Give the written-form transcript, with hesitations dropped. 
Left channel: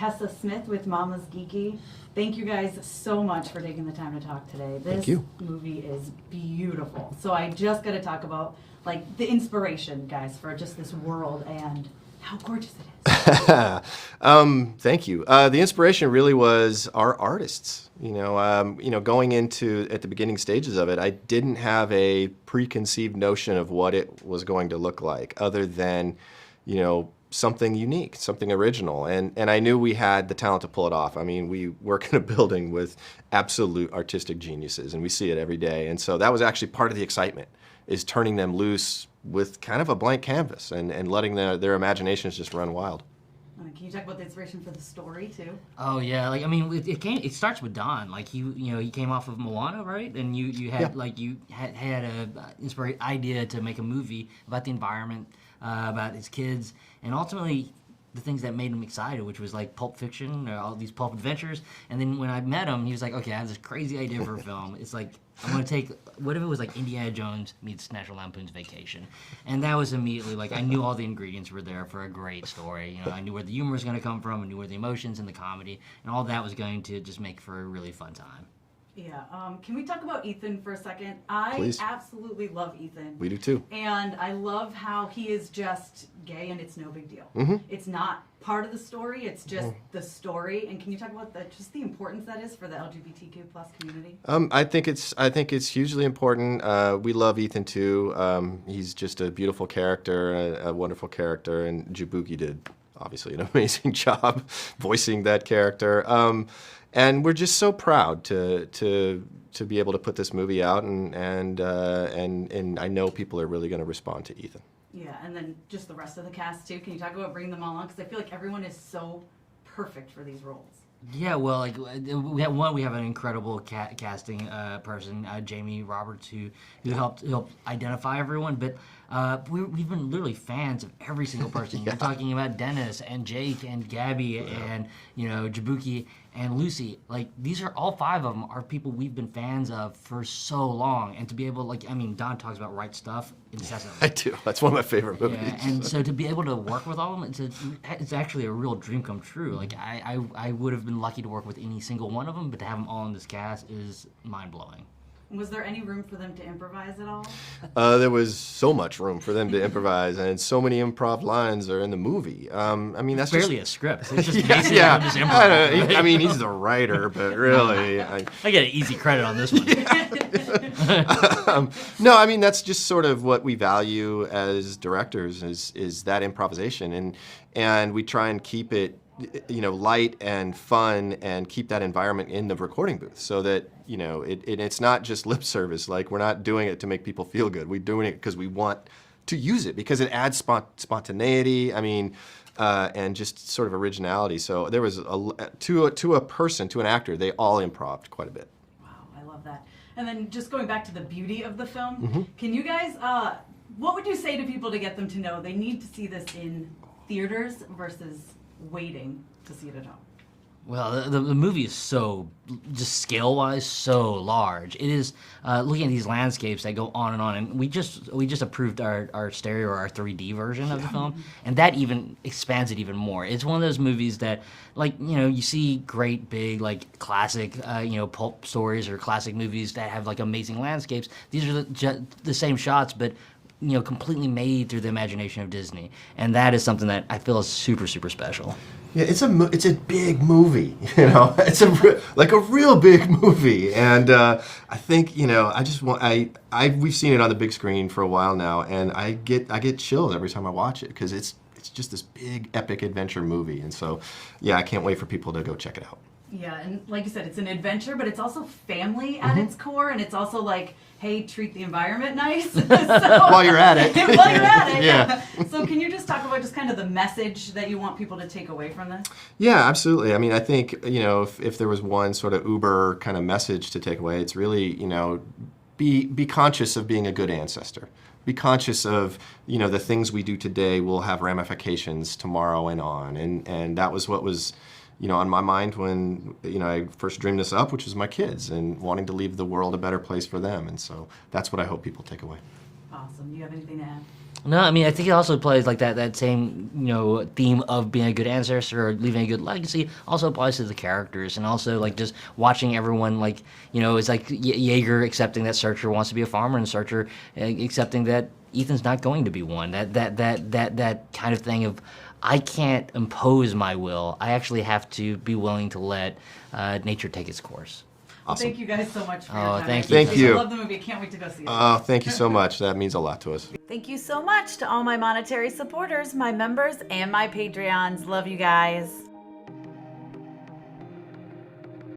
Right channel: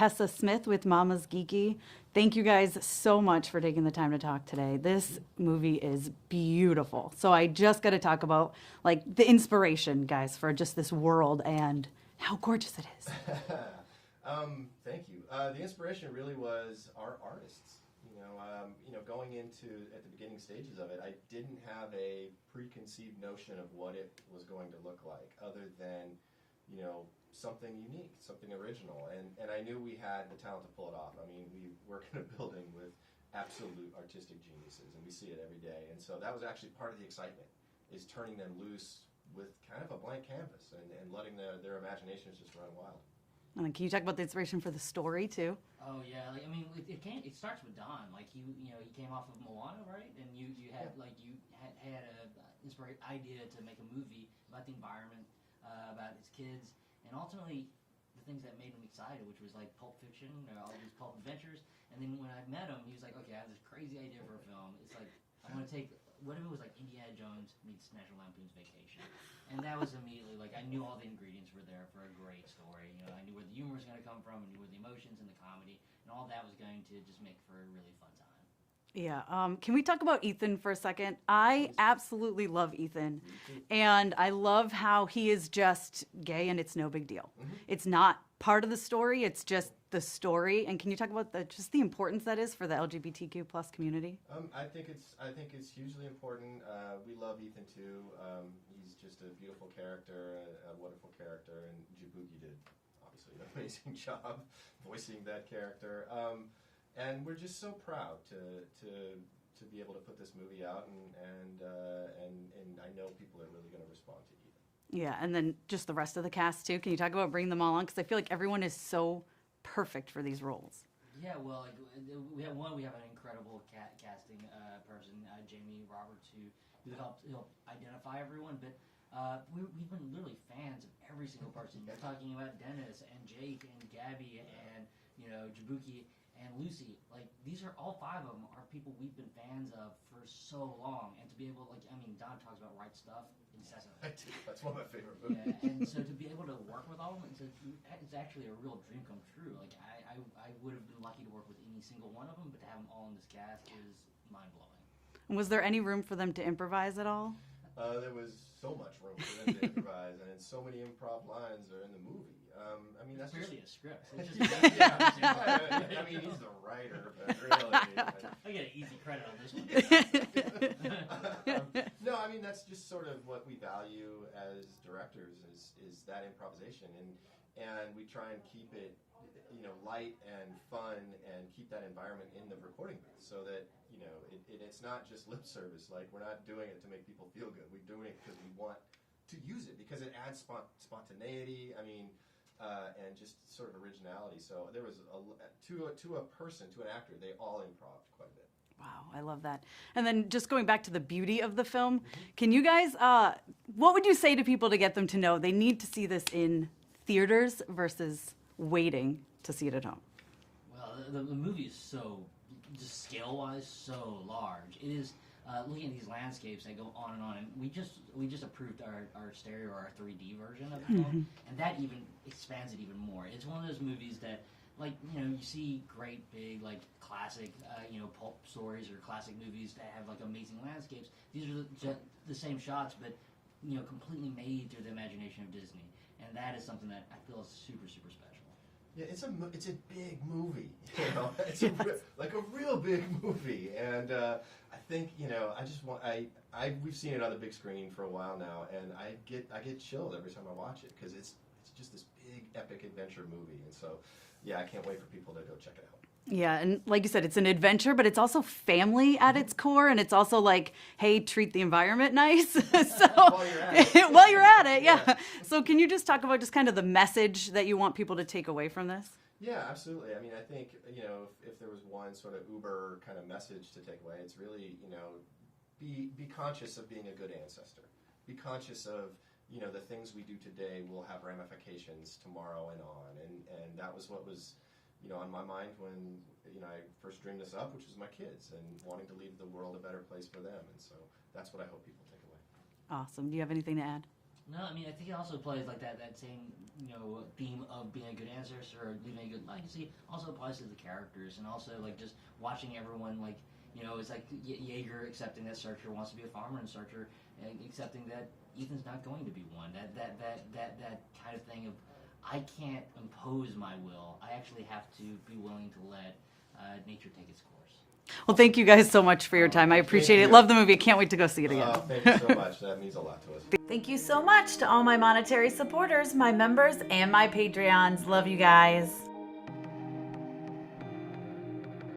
Tessa Smith with MamasGeeky. Thank you guys so much for taking the time to talk today. This movie is beautiful. So I just got to talk about like the inspiration, guys, for just this world and how gorgeous it is. Thank you. The inspiration really was our artists. Going into at the beginning stages of it, I didn't have a preconceived notion of what it was going to look like, other than, something unique, something original, and I knew we had the talent to pull it off. I mean, we work in a building with absolute artistic geniuses, and we see it every day. And so that was actually part of the excitement, is turning them loose with kind of a blank canvas and letting their imaginations just run wild. Can you talk about the inspiration for the story too? Oh yeah, it starts with Don. Like he came off of Moana, right? And you had a idea to make a movie about the environment, about his kids, and ultimately the things that made him excited, which was like Pulp Fiction, or all these pulp adventures. And then when I met him, he was like, okay, I have this crazy idea for a film. It's like, I'm going to take, what if it was like Indiana Jones meets National Lampoon's Vacation? And that was immediately, like, I knew all the ingredients were there for a great story. I knew where the humor was going to come from, I knew where the emotions and the comedy, and all that was going to just make for a really fun time. Yeah, can we talk about Ethan for a second? I absolutely love Ethan. We do too. And I love how he is just gay and it's no big deal. Mm-hmm. It's not part of the story, it's just the story. And can you talk about just the importance that is for the LGBTQ plus community? I think it's hugely important. We love Ethan too. He's just a beautiful character, a wonderful character, and Jabuki did obviously an amazing job voicing that character. And we're just so proud to be able to put this movie out, and I know people are really going to respond to Ethan. Yeah, and then just the rest of the cast too. Can you talk about bringing them all on? Because I feel like everyone is so perfect for these roles. Yeah, well, like we have an incredible casting person, Jamie Roberts, who helped identify everyone, but. We've been literally fans of every single person. You're talking about Dennis and Jake and Gabby and Jabuki and Lucy. Like, these are all five of them are people we've been fans of for so long, and to be able, Don talks about Right Stuff incessantly. I do. That's one of my favorite movies. Yeah, and so to be able to work with all of them, it's actually a real dream come true. Like, I would have been lucky to work with any single one of them, but to have them all in this cast is mind blowing. Was there any room for them to improvise at all? There was so much room for them to improvise, and so many improv lines are in the movie. That's barely a script. It's just just improv. I mean, he's the writer, but really, I get an easy credit on this one. No, that's just sort of what we value as directors is that improvisation, and we try and keep it light and fun, and keep that environment in the recording booth, so that it's not just lip service. Like, we're not doing it to make people feel good. We're doing it because we want to use it, because it adds spontaneity. And just sort of originality. So there was to an actor, they all improv'd quite a bit. Wow, I love that. And then just going back to the beauty of the film, can you guys? What would you say to people to get them to know they need to see this in theaters versus waiting to see it at home? Well, the movie is so, just scale-wise, so large. It is, looking at these landscapes that go on, and we just approved our stereo, or our 3D version of the film, and that even expands it even more. It's one of those movies that, you see great big, classic, pulp stories or classic movies that have, amazing landscapes. These are the same shots, but completely made through the imagination of Disney, and that is something that I feel is super, super special. Yeah, it's a big movie, It's a real big movie, and I think we've seen it on the big screen for a while now, and I get chills every time I watch it, because it's just this big epic adventure movie, and so I can't wait for people to go check it out. Yeah, and like you said, it's an adventure, but it's also family at its core, and it's also like, hey, treat the environment nice. While you're at it. While you're at it, yeah. So can you just talk about just kind of the message that you want people to take away from this? Yeah, absolutely. I think, if there was one sort of uber kind of message to take away, it's really, be conscious of being a good ancestor. Be conscious of, the things we do today will have ramifications tomorrow and on, and that was what was on my mind when, I first dreamed this up, which was my kids, and wanting to leave the world a better place for them. And so that's what I hope people take away. Awesome. Do you have anything to add? No, I mean I think it also plays like that same theme of being a good ancestor or leaving a good legacy also applies to the characters, and also like just watching everyone it's like Yeager accepting that Searcher wants to be a farmer, and Searcher accepting that Ethan's not going to be one. That kind of thing of I can't impose my will. I actually have to be willing to let nature take its course. Well, thank you guys so much for your time. I thank you. appreciate Thank it. you. Love the movie. I can't wait to go see it again. Oh, thank you so much. That means a lot to us. Thank you so much to all my monetary supporters, my members, and my Patreons. Love you guys.